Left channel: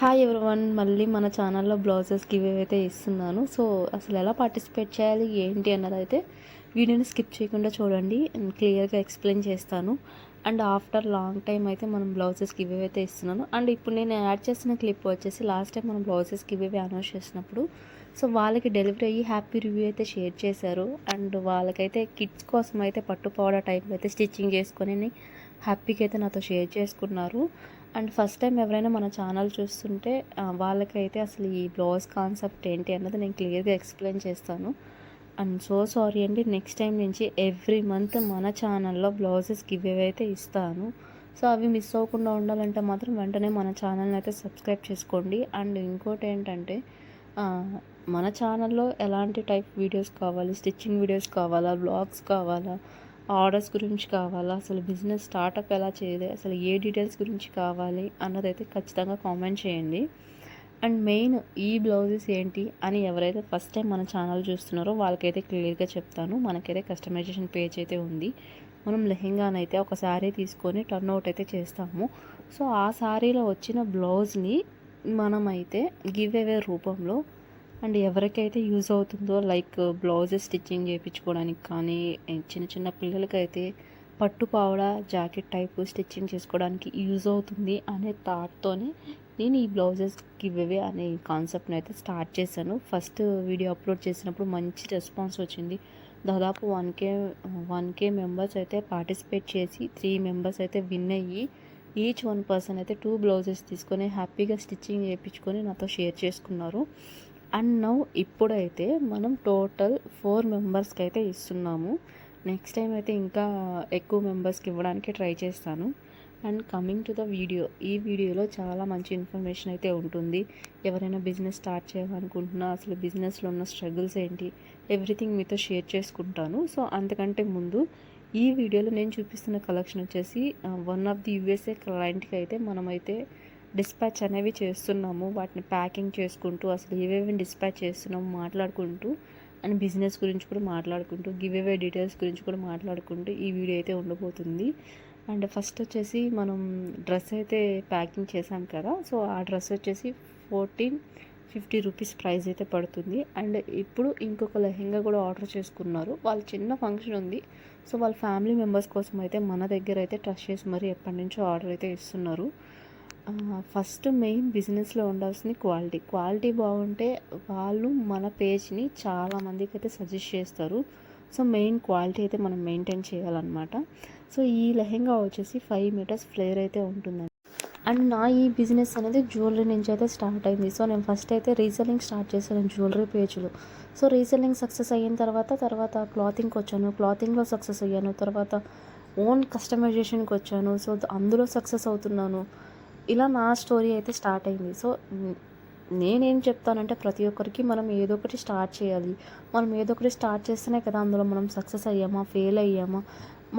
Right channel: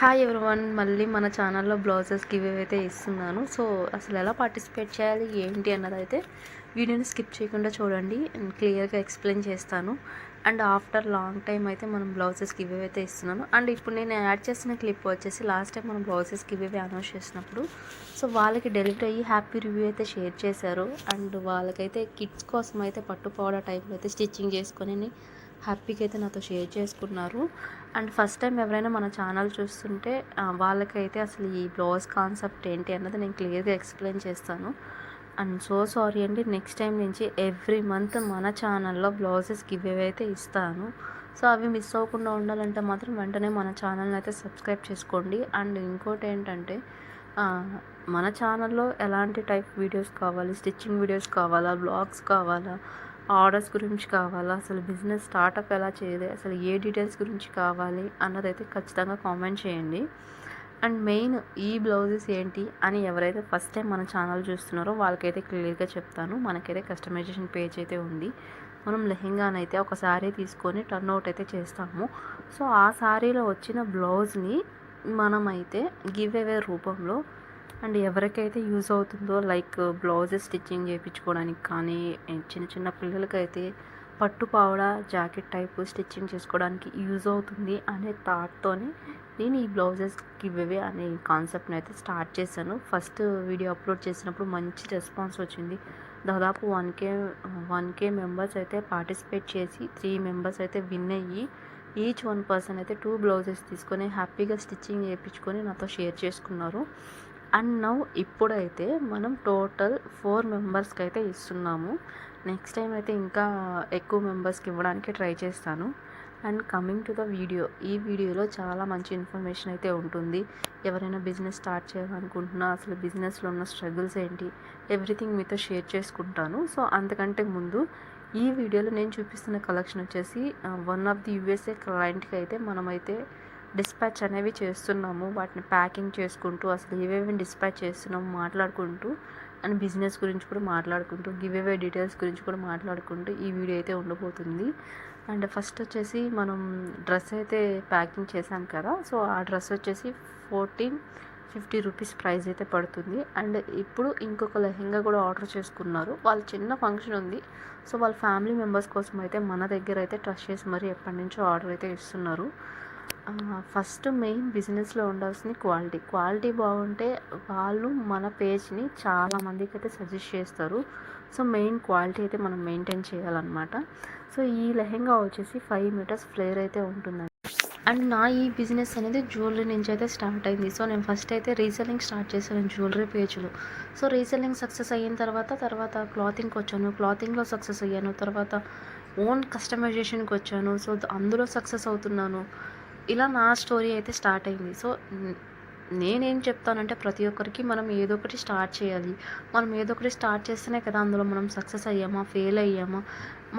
Hi everyone, మళ్ళీ మన ఛానల్లో బ్లౌజెస్ గివ్ అయితే ఇస్తున్నాను. సో అసలు ఎలా పార్టిసిపేట్ చేయాలి ఏంటి అన్నదైతే వీడియోని స్కిప్ చేయకుండా చూడండి. నేను క్లియర్గా ఎక్స్ప్లెయిన్ చేస్తాను. అండ్ ఆఫ్టర్ లాంగ్ టైం అయితే మనం బ్లౌజెస్ గివ్ అయితే ఇస్తున్నాను. అండ్ ఇప్పుడు నేను యాడ్ చేసిన క్లిప్ వచ్చేసి లాస్ట్ టైం మనం బ్లౌజెస్ గివ్ అనౌన్స్ చేసినప్పుడు సో వాళ్ళకి డెలివరీ అయ్యి హ్యాపీ రివ్యూ అయితే షేర్ చేశారు. అండ్ వాళ్ళకైతే కిడ్స్ కోసం అయితే పట్టుపోవడం టైంలో అయితే స్టిచ్చింగ్ చేసుకొని హ్యాపీగా అయితే నాతో షేర్ చేసుకున్నారు. అండ్ ఫస్ట్ టైం ఎవరైనా మన ఛానల్ చూస్తుంటే వాళ్ళకైతే అసలు ఈ బ్లౌజ్ కాన్సెప్ట్ ఏంటి అన్నది నేను క్లియర్గా ఎక్స్ప్లెయిన్ చేస్తాను. అండ్ సో సారీ అండి, నెక్స్ట్ టైం నుంచి ఎవ్రీ మంత్ మన ఛానల్లో బ్లౌజెస్ గివ్ అయితే ఇస్తాను. సో అవి మిస్ అవ్వకుండా ఉండాలంటే మాత్రం వెంటనే మన ఛానల్ని అయితే సబ్స్క్రైబ్ చేసుకోండి. అండ్ ఇంకోటి ఏంటంటే మన ఛానల్లో ఎలాంటి టైప్ వీడియోస్ కావాలి, స్టిచ్చింగ్ వీడియోస్ కావాలా, బ్లాగ్స్ కావాలా, ఆర్డర్స్ గురించి కావాలా, అసలు బిజినెస్ స్టార్టప్ ఎలా చేయాలి, అసలు ఏ డీటెయిల్స్ గురించి కావాలి అన్నదైతే ఖచ్చితంగా కామెంట్ చేయండి. అండ్ మెయిన్ ఈ బ్లౌజెస్ ఏంటి అని ఎవరైతే ఫస్ట్ టైం మన ఛానల్ చూస్తున్నారో వాళ్ళకైతే క్లియర్గా చెప్తాను. మనకైతే కస్టమైజేషన్ పేజ్ అయితే ఉంది. మనం లెహెంగానైతే ఒక శారీ తీసుకొని టర్న్ అవుట్ అయితే చేస్తాము. సో ఆ శారీలో వచ్చిన బ్లౌజ్ని మనమైతే గివ్ అవే రూపంలో అండ్ ఎవరికైతే యూజ్ అవుతుందో లైక్ బ్లౌజెస్ స్టిచ్చింగ్ చేయించుకోవడానికి కానీ, చిన్న చిన్న పిల్లలకైతే పట్టు పావడ జాకెట్ టైపు స్టిచ్చింగ్ చేసుకోవడానికి యూజ్ అవుతుంది అనే థాట్తోనే నేను ఈ బ్లౌజెస్ గివ్ అవే అనే కాన్సెప్ట్ని అయితే స్టార్ట్ చేశాను. ఫస్ట్ వీడియో అప్లోడ్ చేసినప్పుడు మంచి రెస్పాన్స్ వచ్చింది. దాదాపు 1K మెంబర్స్ అయితే పార్టిసిపేట్ చేసి 3 మెంబర్స్ అయితే విన్ అయ్యి ఈచ్ 1 పర్సన్ అయితే 2 బ్లౌజెస్ తీసుకొని హ్యాపీగా స్టిచ్చింగ్ చేయించుకొని నాతో షేర్ చేసుకున్నారు. అండ్ నౌ ఇప్పుడైతే మనం టోటల్ 4 మెంబర్స్కి అయితే ఇస్తున్నాము. నెక్స్ట్ టైం అయితే ఇంకా ఎక్కువ మెంబర్స్కి ఇవ్వడానికి ట్రై చేస్తాను. And coming to the video, ఈ వీడియోలో చాలా మంచి ఇన్ఫర్మేషన్ అయితే ఉంటుంది. ఎవరైనా బిజినెస్ స్టార్ట్ చేయాలనుకుంటున్నా అసలు బిజినెస్లో ఉన్న స్ట్రగుల్స్ ఏంటి ఎవ్రీథింగ్ మీతో షేర్ చేసుకుంటాను. సో అంతకంటే ముందు ఈ వీడియోలో నేను చూపిస్తున్న కలెక్షన్ వచ్చేసి వన్ ఆఫ్ ది యూఎస్ఏ క్లయింట్కి అయితే మనమైతే డిస్పాచ్ అనేవి చేస్తున్నాము. వాటిని ప్యాకింగ్ చేసుకుంటూ అసలు ఏవేవి డిస్పాచ్ చేస్తున్నాము మాట్లాడుకుంటూ, అండ్ బిజినెస్ గురించి కూడా మాట్లాడుకుంటూ, గివ్ అవే డీటెయిల్స్ గురించి కూడా మాట్లాడుకుంటూ ఈ వీడియో అయితే ఉండబోతుంది. అండ్ ఫస్ట్ వచ్చేసి మనం డ్రెస్ అయితే ప్యాకింగ్ చేశాం కదా, సో ఆ డ్రెస్ వచ్చేసి 1450 రూపీస్ ప్రైస్ అయితే పడుతుంది. అండ్ ఇప్పుడు ఇంకొక లెహెంగా కూడా ఆర్డర్ చేసుకున్నారు. వాళ్ళ చిన్న ఫంక్షన్ ఉంది, సో వాళ్ళ ఫ్యామిలీ మెంబర్స్ కోసం అయితే మన దగ్గర అయితే ట్రస్ట్ చేసి మరి ఎప్పటి నుంచో ఆర్డర్ అయితే ఇస్తున్నారు. ఫస్ట్ మెయిన్ బిజినెస్లో ఉండాల్సింది క్వాలిటీ బాగుంటే వాళ్ళు మన పేజ్ని చాలామందికి అయితే సజెస్ట్ చేస్తారు. సో మెయిన్ క్వాలిటీ అయితే మనం మెయింటైన్ చేయాలన్నమాట. సో ఈ లెహెంగా వచ్చేసి 5 మీటర్స్ ఫ్లేర్ అయితే ఉంటుందండి. అండ్ నా ఈ బిజినెస్ అనేది జ్యువెలరీ నుంచి అయితే స్టార్ట్ అయింది. సో నేను ఫస్ట్ అయితే రీసెల్లింగ్ స్టార్ట్ చేశాను జ్యువెలరీ పేజ్లో. సో రీసెల్లింగ్ సక్సెస్ అయిన తర్వాత క్లాతింగ్కి వచ్చాను, క్లాతింగ్లో సక్సెస్ అయ్యాను, తర్వాత ఓన్ కస్టమైజేషన్కి వచ్చాను. సో అందులో సక్సెస్ అవుతున్నాను. ఇలా నా స్టోరీ అయితే స్టార్ట్ అయింది. సో నేనేం చెప్తానంటే ప్రతి ఒక్కరికి మనం ఏదో ఒకటి స్టార్ట్ చేయాలి. మనం ఏదో ఒకటి స్టార్ట్ చేస్తేనే కదా అందులో మనం సక్సెస్ అయ్యామా, ఫెయిల్ అయ్యామా,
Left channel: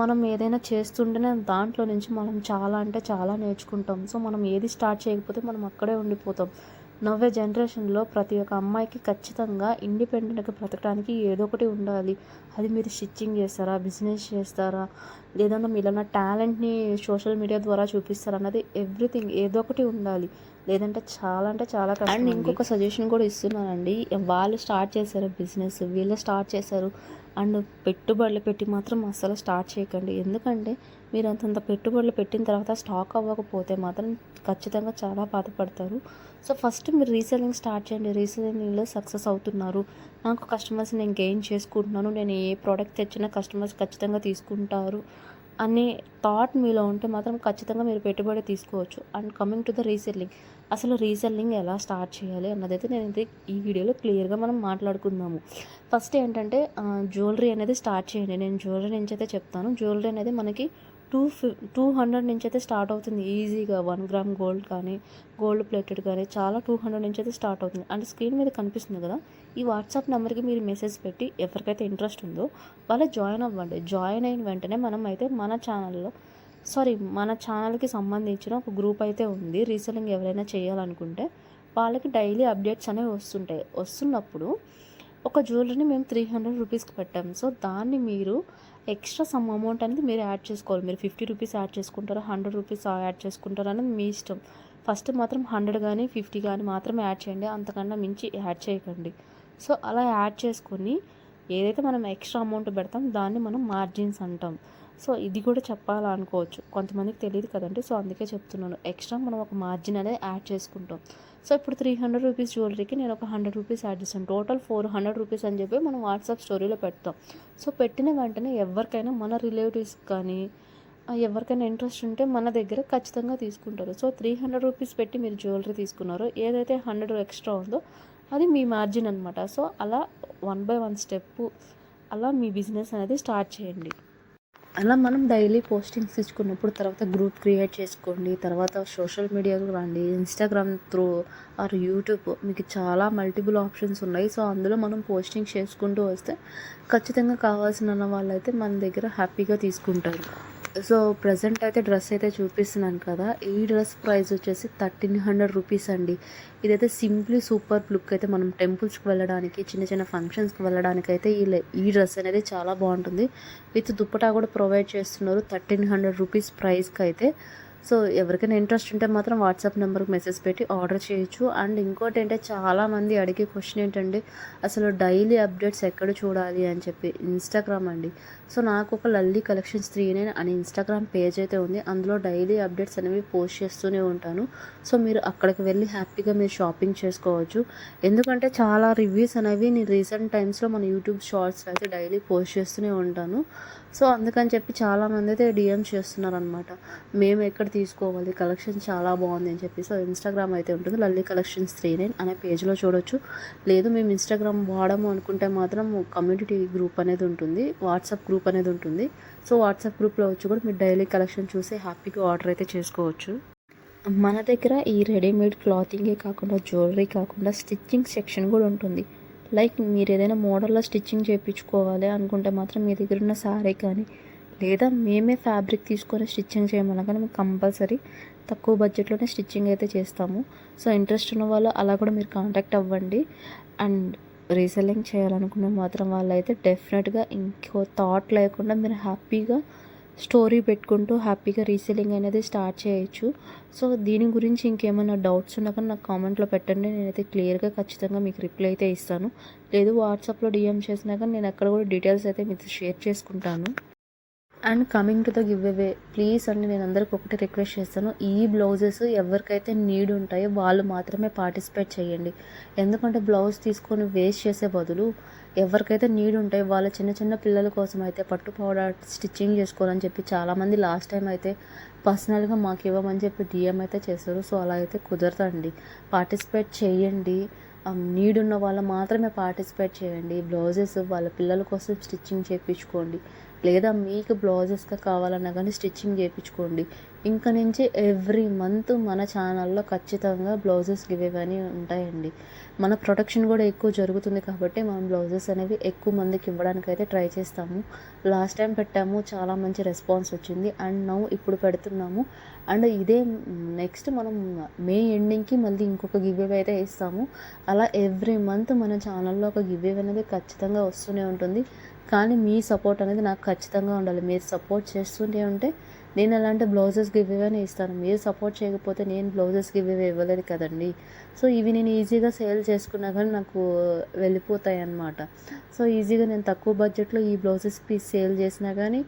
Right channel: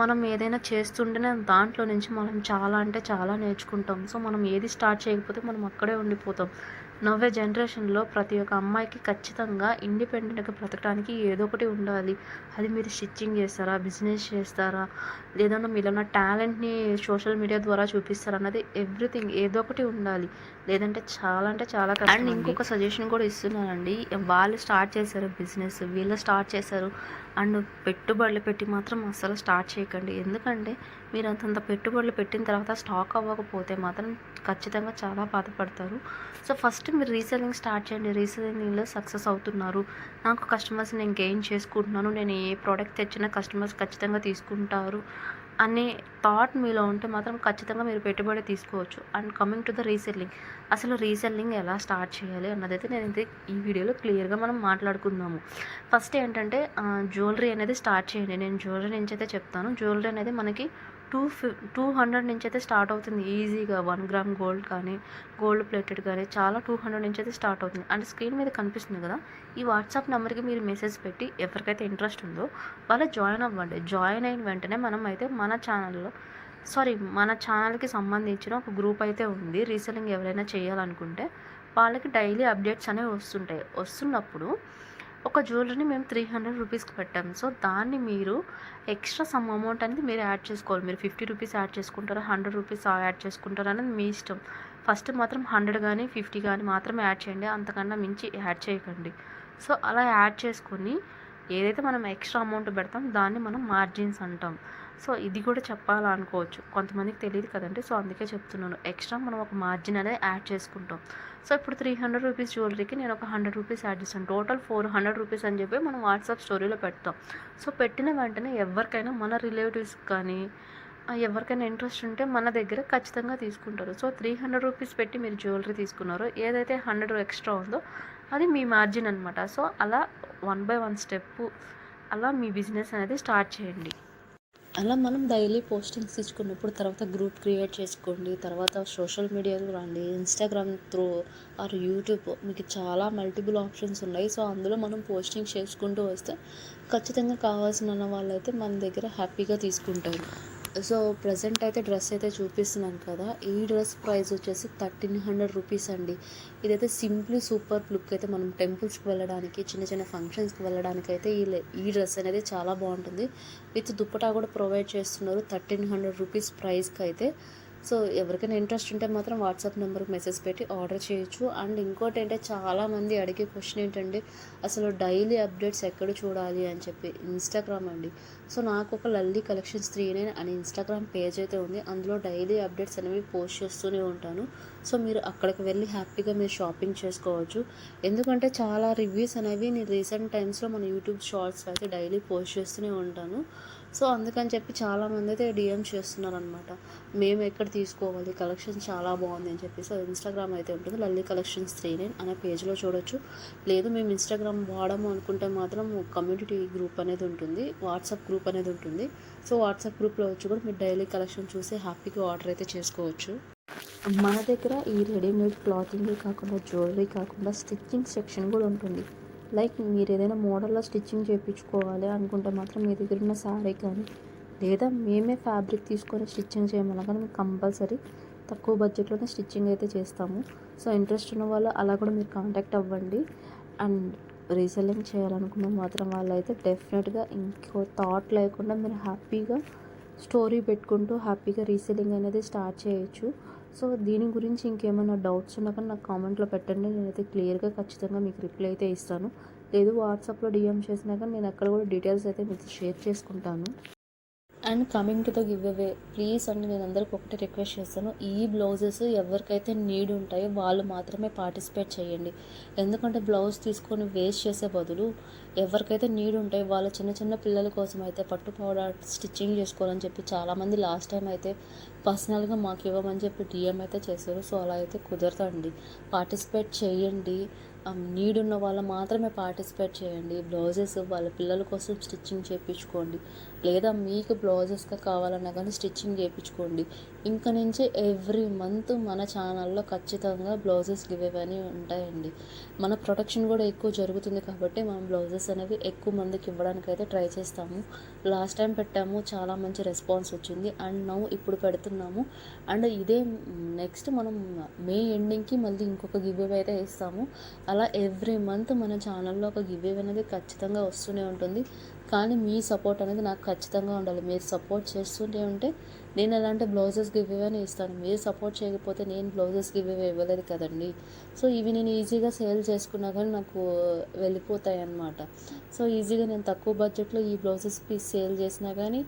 మనం ఏదైనా చేస్తుంటేనే దాంట్లో నుంచి మనం చాలా అంటే చాలా నేర్చుకుంటాం. సో మనం ఏది స్టార్ట్ చేయకపోతే మనం అక్కడే ఉండిపోతాం. నవ్వే జనరేషన్లో ప్రతి ఒక్క అమ్మాయికి ఖచ్చితంగా ఇండిపెండెంట్గా బ్రతకడానికి ఏదో ఒకటి ఉండాలి. అది మీరు స్టిచ్చింగ్ చేస్తారా, బిజినెస్ చేస్తారా, లేదన్నా మీలో టాలెంట్ని సోషల్ మీడియా ద్వారా చూపిస్తారా అన్నది ఎవ్రీథింగ్ ఏదో ఒకటి ఉండాలి. లేదంటే చాలా కష్టం. అండ్ ఇంకొక సజెషన్ కూడా ఇస్తున్నానండి. వాళ్ళు స్టార్ట్ చేశారు బిజినెస్, వీళ్ళు స్టార్ట్ చేశారు అండ్ పెట్టుబడులు పెట్టి మాత్రం అస్సలు స్టార్ట్ చేయకండి. ఎందుకంటే మీరు అంతంత పెట్టుబడులు పెట్టిన తర్వాత స్టాక్ అవ్వకపోతే మాత్రం ఖచ్చితంగా చాలా బాధపడతారు. సో ఫస్ట్ మీరు రీసెల్లింగ్ స్టార్ట్ చేయండి. రీసెల్లింగ్లో సక్సెస్ అవుతున్నారు, నాకు కస్టమర్స్ నేను గెయిన్ చేసుకుంటున్నాను, నేను ఏ ప్రోడక్ట్ తెచ్చినా కస్టమర్స్ ఖచ్చితంగా తీసుకుంటారు అనే థాట్ మీలో ఉంటే మాత్రం ఖచ్చితంగా మీరు పెట్టుబడి తీసుకోవచ్చు. And coming to the reselling, అసలు రీసెల్లింగ్ ఎలా స్టార్ట్ చేయాలి అన్నదైతే నేనైతే ఈ వీడియోలో క్లియర్గా మనం మాట్లాడుకుందాము. ఫస్ట్ ఏంటంటే జ్యువెలరీ అనేది స్టార్ట్ చేయండి. నేను జ్యువెలరీ నుంచి అయితే చెప్తాను. జ్యువెలరీ అనేది మనకి 200 నుంచి అయితే స్టార్ట్ అవుతుంది ఈజీగా. 1 గ్రామ్ గోల్డ్ కానీ, గోల్డ్ ప్లేటెడ్ కానీ చాలా 200 నుంచి అయితే స్టార్ట్ అవుతుంది. అండ్ స్క్రీన్ మీద కనిపిస్తుంది కదా, ఈ వాట్సాప్ నెంబర్కి మీరు మెసేజ్ పెట్టి ఎవరికైతే ఇంట్రెస్ట్ ఉందో వాళ్ళు జాయిన్ అవ్వండి. జాయిన్ అయిన వెంటనే మనం అయితే మన ఛానల్కి సంబంధించిన ఒక గ్రూప్ అయితే ఉంది. రీసెల్లింగ్ ఎవరైనా చేయాలనుకుంటే వాళ్ళకి డైలీ అప్డేట్స్ అనేవి వస్తున్నప్పుడు ఒక జ్యువెలరీని మేము 300 రూపీస్కి పెట్టాము. సో దాన్ని మీరు ఎక్స్ట్రా సమ్ అమౌంట్ అనేది మీరు యాడ్ చేసుకోవాలి. మీరు 50 రూపీస్ యాడ్ చేసుకుంటారా, 100 రూపీస్ యాడ్ చేసుకుంటారా అనేది మీ ఇష్టం. ఫస్ట్ మాత్రం 100 కానీ 50 కానీ మాత్రమే యాడ్ చేయండి, అంతకన్నా మించి యాడ్ చేయకండి. సో అలా యాడ్ చేసుకొని ఏదైతే మనం ఎక్స్ట్రా అమౌంట్ పెడతాం దాన్ని మనం మార్జిన్స్ అంటాం. సో ఇది కూడా చెప్పాలనుకోవచ్చు, కొంతమందికి తెలియదు కదండి. సో అందుకే చెప్తున్నాను, ఎక్స్ట్రా మనం ఒక మార్జిన్ అనేది యాడ్ చేసుకుంటాం. సో ఇప్పుడు 300 రూపీస్ జ్యువెలరీకి నేను ఒక 100 రూపీస్ యాడ్ చేస్తాను, టోటల్ 400 రూపీస్ అని చెప్పి మనం వాట్సాప్ స్టోరీలో పెడతాం. సో పెట్టిన వెంటనే ఎవరికైనా మన రిలేటివ్స్ కానీ ఎవరికైనా ఇంట్రెస్ట్ ఉంటే మన దగ్గర ఖచ్చితంగా తీసుకుంటారు. సో 300 రూపీస్ పెట్టి మీరు జ్యువెలరీ తీసుకున్నారో ఏదైతే 100 ఎక్స్ట్రా ఉందో అది మీ మార్జిన్ అనమాట. సో అలా 1 బై 1 స్టెప్ అలా మీ బిజినెస్ అనేది స్టార్ట్ చేయండి. అలా మనం డైలీ పోస్టింగ్స్ ఇచ్చుకున్నప్పుడు తర్వాత గ్రూప్ క్రియేట్ చేసుకోండి, తర్వాత సోషల్ మీడియాకు రండి, ఇన్స్టాగ్రామ్ త్రూ ఆర్ యూట్యూబ్, మీకు చాలా మల్టిపుల్ ఆప్షన్స్ ఉన్నాయి. సో అందులో మనం పోస్టింగ్ చేసుకుంటూ వస్తే ఖచ్చితంగా కావాల్సిన వాళ్ళైతే మన దగ్గర హ్యాపీగా తీసుకుంటారు. సో ప్రజెంట్ అయితే డ్రెస్ అయితే చూపిస్తున్నాను కదా, ఈ డ్రెస్ ప్రైస్ వచ్చేసి 1300 రూపీస్ అండి. ఇదైతే సింప్లీ సూపర్ లుక్ అయితే మనం టెంపుల్స్కి వెళ్ళడానికి, చిన్న చిన్న ఫంక్షన్స్కి వెళ్ళడానికి అయితే ఈ డ్రెస్ అనేది చాలా బాగుంటుంది. విత్ దుప్పటా కూడా ప్రొవైడ్ చేస్తున్నారు 1300 రూపీస్ ప్రైస్కి అయితే. సో ఎవరికైనా ఇంట్రెస్ట్ ఉంటే మాత్రం వాట్సాప్ నెంబర్కి మెసేజ్ పెట్టి ఆర్డర్ చేయొచ్చు. అండ్ ఇంకోటి ఏంటంటే చాలామంది అడిగే క్వశ్చన్ ఏంటంటే అసలు డైలీ అప్డేట్స్ ఎక్కడ చూడాలి అని చెప్పి, ఇన్స్టాగ్రామ్ అండి. సో నాకు ఒక లల్లీ కలెక్షన్స్ 39 అని ఇన్స్టాగ్రామ్ పేజ్ అయితే ఉంది, అందులో డైలీ అప్డేట్స్ అనేవి పోస్ట్ చేస్తూనే ఉంటాను. సో మీరు అక్కడికి వెళ్ళి హ్యాపీగా మీరు షాపింగ్ చేసుకోవచ్చు. ఎందుకంటే చాలా రివ్యూస్ అనేవి నేను రీసెంట్ టైమ్స్లో మన యూట్యూబ్ షార్ట్స్లో అయితే డైలీ పోస్ట్ చేస్తూనే ఉంటాను. సో అందుకని చెప్పి చాలామంది అయితే డిఎం చేస్తున్నారు అనమాట, మేము ఎక్కడ తీసుకోవాలి, కలెక్షన్ చాలా బాగుంది అని చెప్పి. సో ఇన్స్టాగ్రామ్ అయితే ఉంటుంది, లల్లీ కలెక్షన్స్ 39 అనే పేజ్లో చూడొచ్చు. లేదు మేము ఇన్స్టాగ్రామ్ వాడము అనుకుంటే మాత్రం కమ్యూనిటీ గ్రూప్ అనేది ఉంటుంది, వాట్సాప్ గ్రూప్ అనేది ఉంటుంది. సో వాట్సాప్ గ్రూప్లో వచ్చి కూడా మీరు డైలీ కలెక్షన్ చూసి హ్యాపీగా ఆర్డర్ అయితే చేసుకోవచ్చు. మన దగ్గర ఈ రెడీమేడ్ క్లాతింగే కాకుండా జ్యువెలరీ కాకుండా స్టిచ్చింగ్ సెక్షన్ కూడా ఉంటుంది. లైక్ మీరు ఏదైనా మోడల్లో స్టిచ్చింగ్ చేయించుకోవాలి అనుకుంటే మాత్రం మీ దగ్గర ఉన్న శారీ కానీ, లేదా మేమే ఫ్యాబ్రిక్ తీసుకొని స్టిచ్చింగ్ చేయమన్నా కానీ మీకు కంపల్సరీ తక్కువ బడ్జెట్లోనే స్టిచ్చింగ్ అయితే చేస్తాము. సో ఇంట్రెస్ట్ ఉన్న వాళ్ళు అలా కూడా మీరు కాంటాక్ట్ అవ్వండి. అండ్ రీసెల్లింగ్ చేయాలనుకున్న మాత్రం వాళ్ళైతే డెఫినెట్గా ఇంకో థాట్ లేకుండా మీరు హ్యాపీగా స్టోరీ పెట్టుకుంటూ హ్యాపీగా రీసెల్లింగ్ అనేది స్టార్ట్ చేయొచ్చు. సో దీని గురించి ఇంకేమైనా డౌట్స్ ఉన్నా కానీ నాకు కామెంట్లో పెట్టండి, నేనైతే క్లియర్గా ఖచ్చితంగా మీకు రిప్లై అయితే ఇస్తాను. లేదు వాట్సాప్లో డిఎం చేసినా కానీ నేను అక్కడ కూడా డీటెయిల్స్ అయితే మీతో షేర్ చేసుకుంటాను. And coming to the give away, please అండి నేను అందరికి ఒకటి రిక్వెస్ట్ చేస్తాను, ఈ బ్లౌజెస్ ఎవరికైతే నీడ్ ఉంటాయో వాళ్ళు మాత్రమే పార్టిసిపేట్ చేయండి. ఎందుకంటే బ్లౌజ్ తీసుకొని వేస్ట్ చేసే బదులు ఎవరికైతే నీడ్ ఉంటాయో వాళ్ళ చిన్న చిన్న పిల్లల కోసం అయితే పట్టు పౌడర్ స్టిచ్చింగ్ చేసుకోవాలని చెప్పి చాలామంది లాస్ట్ టైం అయితే పర్సనల్గా మాకు ఇవ్వమని చెప్పి డిఎం అయితే చేశారు. సో అలా అయితే కుదరదండి, పార్టిసిపేట్ చేయండి. నీడ్ ఉన్న వాళ్ళు మాత్రమే పార్టిసిపేట్ చేయండి. బ్లౌజెస్ వాళ్ళ పిల్లల కోసం స్టిచ్చింగ్ చేయించుకోండి, లేదా మీకు బ్లౌజెస్గా కావాలన్నా కానీ స్టిచ్చింగ్ చేయించుకోండి. ఇంక నుంచి ఎవ్రీ మంత్ మన ఛానల్లో ఖచ్చితంగా బ్లౌజెస్ గివేవని ఉంటాయండి. మన ప్రొడక్షన్ కూడా ఎక్కువ జరుగుతుంది కాబట్టి మనం బ్లౌజెస్ అనేవి ఎక్కువ మందికి ఇవ్వడానికి అయితే ట్రై చేస్తాము. లాస్ట్ టైం పెట్టాము, చాలా మంచి రెస్పాన్స్ వచ్చింది. అండ్ నౌ ఇప్పుడు పెడుతున్నాము. అండ్ ఇదే నెక్స్ట్ మనం మే ఎండింగ్కి మళ్ళీ ఇంకొక గివేవే అయితే ఇస్తాము. అలా ఎవ్రీ మంత్ మన ఛానల్లో ఒక గివేవే అనేది ఖచ్చితంగా వస్తూనే ఉంటుంది. కానీ మీ సపోర్ట్ అనేది నాకు ఖచ్చితంగా ఉండాలి. మీరు సపోర్ట్ చేస్తుంటే ఉంటే నేను అలాంటి బ్లౌజెస్ గివేవే ఇస్తాను. మీరు సపోర్ట్ చేయకపోతే నేను బ్లౌజెస్ గివేవే ఇవ్వలేదు కదండి. సో ఇవి నేను ఈజీగా సేల్ చేసుకున్నా కానీ నాకు వెళ్ళిపోతాయి అన్నమాట. సో ఈజీగా నేను తక్కువ బడ్జెట్లో ఈ బ్లౌజెస్ పీస్ సేల్ చేసినా కానీ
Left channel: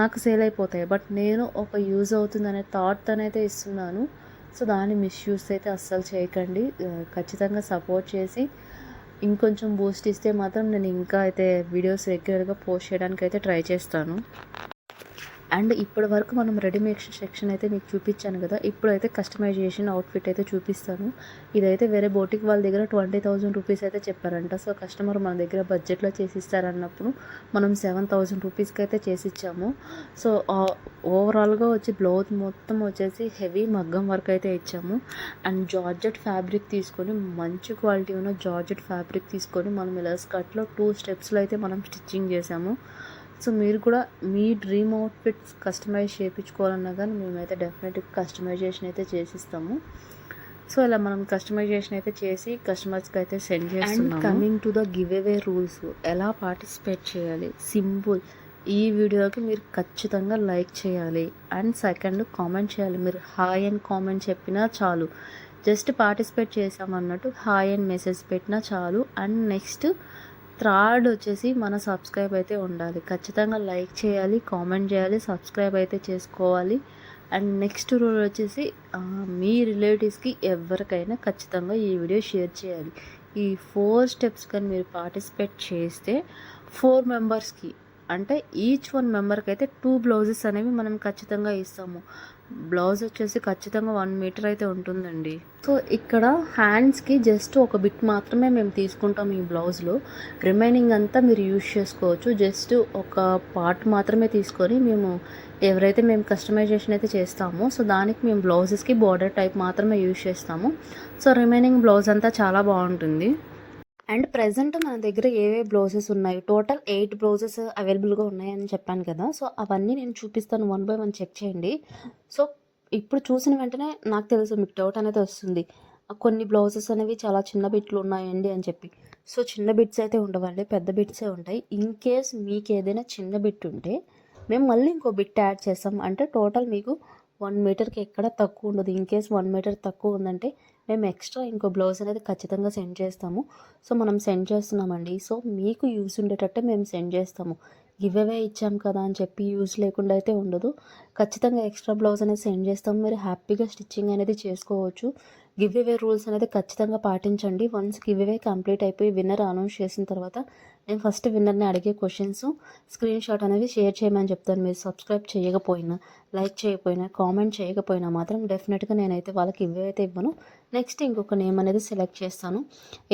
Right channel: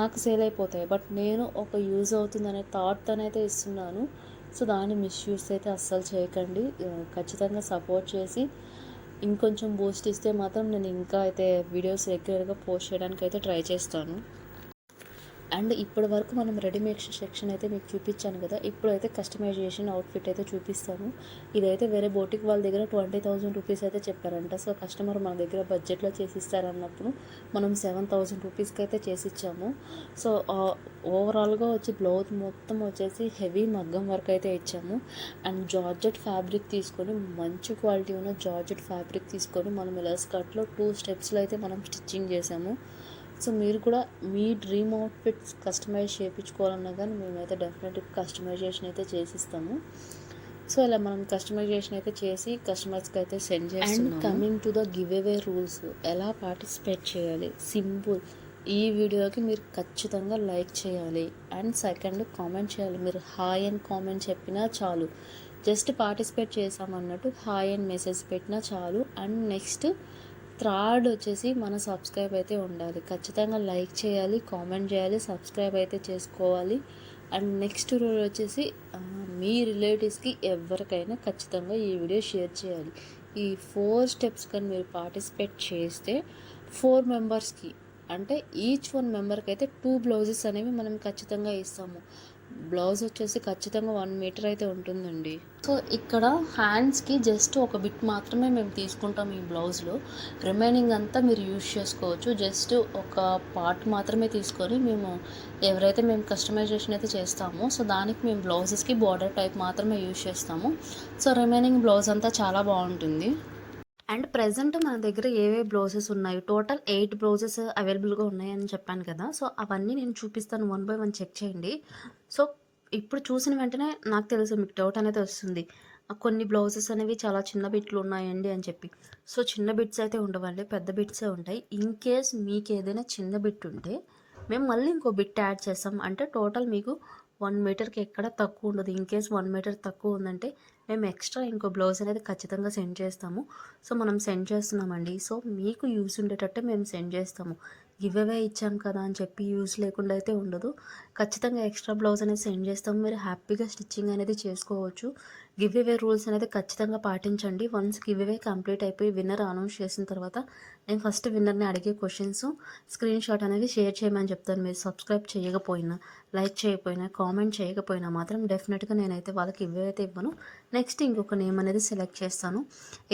నాకు సేల్ అయిపోతాయి. బట్ నేను ఒక యూజ్ అవుతుందనే థాట్ అయితే ఇస్తున్నాను. సో దాన్ని మిస్యూజ్ అయితే అస్సలు చేయకండి. ఖచ్చితంగా సపోర్ట్ చేసి ఇంకొంచెం బూస్ట్ ఇస్తే మాత్రం నేను ఇంకా అయితే వీడియోస్ రెగ్యులర్గా పోస్ట్ చేయడానికి అయితే ట్రై చేస్తాను. అండ్ ఇప్పటి వరకు మనం రెడీమేడ్ సెక్షన్ అయితే మీకు చూపించాను కదా, ఇప్పుడైతే కస్టమైజేషన్ అవుట్ఫిట్ అయితే చూపిస్తాను. ఇదైతే వేరే బోటిక్ వాళ్ళ దగ్గర 20,000 రూపీస్ అయితే చెప్పారంట. సో కస్టమర్ మన దగ్గర బడ్జెట్లో చేసిస్తారన్నప్పుడు మనం 7,000 రూపీస్కి అయితే చేసిచ్చాము. సో ఓవరాల్గా వచ్చి బ్లౌజ్ మొత్తం వచ్చేసి హెవీ మగ్గం వర్క్ అయితే ఇచ్చాము. అండ్ జార్జెట్ ఫ్యాబ్రిక్ తీసుకొని, మంచి క్వాలిటీ ఉన్న జార్జెట్ ఫ్యాబ్రిక్ తీసుకొని మనం ఇలా స్కర్ట్లో 2 స్టెప్స్లో అయితే మనం స్టిచ్చింగ్ చేసాము. సో మీరు కూడా మీ డ్రీమ్ అవుట్ఫిట్స్ కస్టమైజ్ చేయించుకోవాలన్నా కానీ మేమైతే డెఫినెట్గా కస్టమైజేషన్ అయితే చేసిస్తాము. సో ఇలా మనం కస్టమైజేషన్ అయితే చేసి కస్టమర్స్కి అయితే సెండ్ చేస్తున్నాము. And coming to the give away rules, ఎలా పార్టిసిపేట్ చేయాలి, సింపుల్. ఈ వీడియోకి మీరు ఖచ్చితంగా లైక్ చేయాలి. అండ్ సెకండ్ కామెంట్ చేయాలి. మీరు హాయ్ అని కామెంట్ చెప్పినా చాలు. జస్ట్ పార్టిసిపేట్ చేసామన్నట్టు హాయ్ అని మెసేజ్ పెట్టినా చాలు. అండ్ నెక్స్ట్ థర్డ్ వచ్చేసి మన సబ్స్క్రైబ్ అయితే ఉండాలి. ఖచ్చితంగా లైక్ చేయాలి, కామెంట్ చేయాలి, సబ్స్క్రైబ్ అయితే చేసుకోవాలి. అండ్ నెక్స్ట్ రూల్ వచ్చేసి మీ రిలేటివ్స్కి ఎవరికైనా ఖచ్చితంగా ఈ వీడియో షేర్ చేయాలి. ఈ 4 స్టెప్స్ కానీ మీరు పార్టిసిపేట్ చేస్తే 4 మెంబర్స్కి అంటే ఈచ్ 1 మెంబర్కి అయితే 2 బ్లౌజెస్ అనేవి మనం ఖచ్చితంగా ఇస్తాము. బ్లౌజ్ వచ్చేసి ఖచ్చితంగా 1 మీటర్ అయితే ఉంటుందండి. సో ఇక్కడ హ్యాండ్స్కి జస్ట్ ఒక బిట్ మాత్రమే మేము తీసుకుంటాం ఈ బ్లౌజ్లో. రిమైనింగ్ అంతా మీరు యూజ్ చేసుకోవచ్చు. జస్ట్ ఒక పార్ట్ మాత్రమే తీసుకొని ఎవరైతే మేము కస్టమైజేషన్ అయితే చేస్తామో సో దానికి మేము బ్లౌజెస్కి బార్డర్ టైప్ మాత్రమే యూజ్ చేస్తాము. సో రిమైనింగ్ బ్లౌజ్ అంతా చాలా బాగుంటుంది. అండ్ ప్రెజెంట్ మన దగ్గర ఏవే బ్లౌజెస్ ఉన్నాయి, టోటల్ 8 బ్లౌజెస్ అవైలబుల్గా ఉన్నాయని చెప్పాను కదా. సో అవన్నీ నేను చూపిస్తాను, 1 బై 1 చెక్ చేయండి. సో ఇప్పుడు చూసిన వెంటనే నాకు తెలుసు మీకు డౌట్ అనేది వస్తుంది, కొన్ని బ్లౌజెస్ అనేవి చాలా చిన్న బిట్లు ఉన్నాయండి అని చెప్పి. సో చిన్న బిట్స్ అయితే ఉండవండి, పెద్ద బిట్సే ఉంటాయి. ఇన్ కేస్ మీకు ఏదైనా చిన్న బిట్ ఉంటే మేము మళ్ళీ ఇంకో బిట్ యాడ్ చేస్తాం. అంటే టోటల్ మీకు 1 మీటర్కి ఎక్కడ తక్కువ ఉండదు. ఇన్ కేస్ 1 మీటర్ తక్కువ ఉందంటే మేము ఎక్స్ట్రా ఇంకో బ్లౌజ్ అనేది ఖచ్చితంగా సెండ్ చేస్తాము. సో మనం సెండ్ చేస్తున్నామండి. సో మీకు యూస్ ఉండేటట్టే మేము సెండ్ చేస్తాము. గివ్ అవే ఇచ్చాం కదా అని చెప్పి యూస్ లేకుండా అయితే ఉండదు. ఖచ్చితంగా ఎక్స్ట్రా బ్లౌజ్ అనేది సెండ్ చేస్తాము. మీరు హ్యాపీగా స్టిచ్చింగ్ అనేది చేసుకోవచ్చు. గివ్ అవే రూల్స్ అనేది ఖచ్చితంగా పాటించండి. వన్స్ గివ్ అవే కంప్లీట్ అయిపోయి విన్నర్ అనౌన్స్ చేసిన తర్వాత నేను ఫస్ట్ విన్నర్ని అడిగే క్వశ్చన్స్ స్క్రీన్ షాట్ అనేది షేర్ చేయమని చెప్తాను. మీరు సబ్స్క్రైబ్ చేయకపోయినా, లైక్ చేయకపోయినా, కామెంట్ చేయకపోయినా మాత్రం డెఫినెట్గా నేనైతే వాళ్ళకి ఇవైతే ఇవ్వను. నెక్స్ట్ ఇంకొక నేమ్ అనేది సెలెక్ట్ చేస్తాను.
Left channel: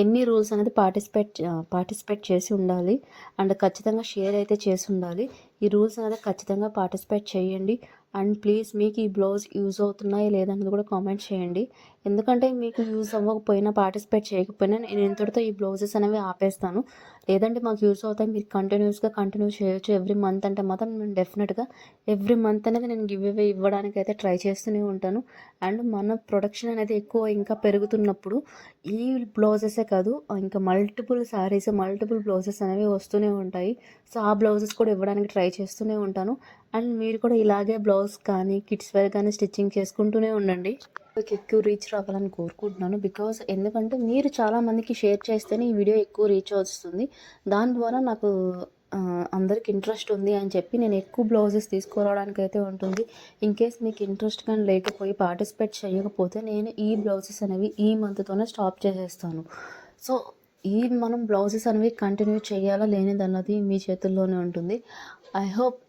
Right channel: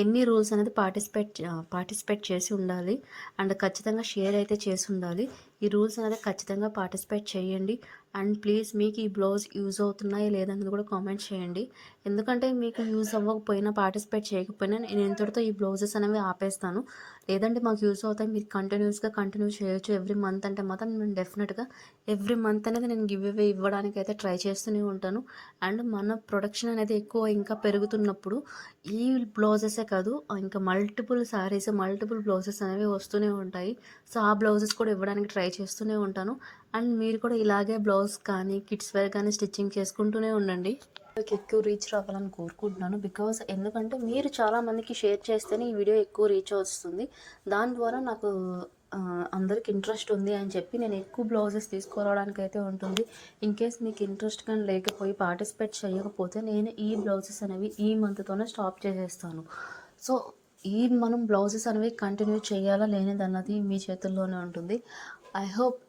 ఎన్ని రూల్స్ అనేది పార్టిసిపేట్ చేసి ఉండాలి అండ్ ఖచ్చితంగా షేర్ అయితే చేసి ఉండాలి. ఈ రూల్స్ అనేది ఖచ్చితంగా పార్టిసిపేట్ చేయండి. అండ్ ప్లీజ్ మీకు ఈ బ్లౌజ్ యూజ్ అవుతున్నాయా లేదన్నది కూడా కామెంట్ చేయండి. ఎందుకంటే మీకు యూజ్ అవ్వకపోయినా, పార్టిసిపేట్ చేయకపోయినా నేను ఇంతటితో ఈ బ్లౌజెస్ అనేవి ఆపేస్తాను. లేదంటే మాకు యూజ్ అవుతాయి, మీరు కంటిన్యూ చేయొచ్చు ఎవ్రీ మంత్ అంటే మాత్రం నేను డెఫినెట్గా ఎవ్రీ మంత్ అనేది నేను గివ్ అవే ఇవ్వడానికి అయితే ట్రై చేస్తూనే ఉంటాను. అండ్ మన ప్రొడక్షన్ అనేది ఎక్కువ ఇంకా పెరుగుతున్నప్పుడు ఈ బ్లౌజెసే కాదు, ఇంకా మల్టిపుల్ శారీస్, మల్టిపుల్ బ్లౌజెస్ అనేవి వస్తూనే ఉంటాయి. సో ఆ బ్లౌజెస్ కూడా ఇవ్వడానికి ట్రై చేస్తూనే ఉంటాను. అండ్ మీరు కూడా ఇలాగే బ్లౌజ్ కానీ, కిడ్స్ వేర్ కానీ స్టిచ్చింగ్ చేసుకుంటూనే ఉండండి. ఎక్కువ రీచ్ రావాలని కోరుకుంటున్నాను. ఎందుకంటే మీరు చాలామందికి షేర్ చేస్తేనే ఈ వీడియో ఎక్కువ రీచ్ వస్తుంది. దాని ద్వారా నాకు అందరికి ఇంట్రెస్ట్ ఉంది అని చెప్పి నేను ఎక్కువ బ్లౌజెస్ తీసుకురావడానికి అయితే ఉంటుంది. ఇన్ కేస్ మీకు ఇంట్రెస్ట్ కానీ లేకపోయి పార్టిసిపేట్ చేయకపోతే నేను ఈ బ్లౌజెస్ అనేవి ఈ మంత్తోనే స్టాప్ చేసేస్తాను. సో మనం బ్లౌజెస్ అనేవి కంటిన్యూ చేయాలా లేనిదన్నది మీ చేతుల్లోనే ఉంటుంది. I hope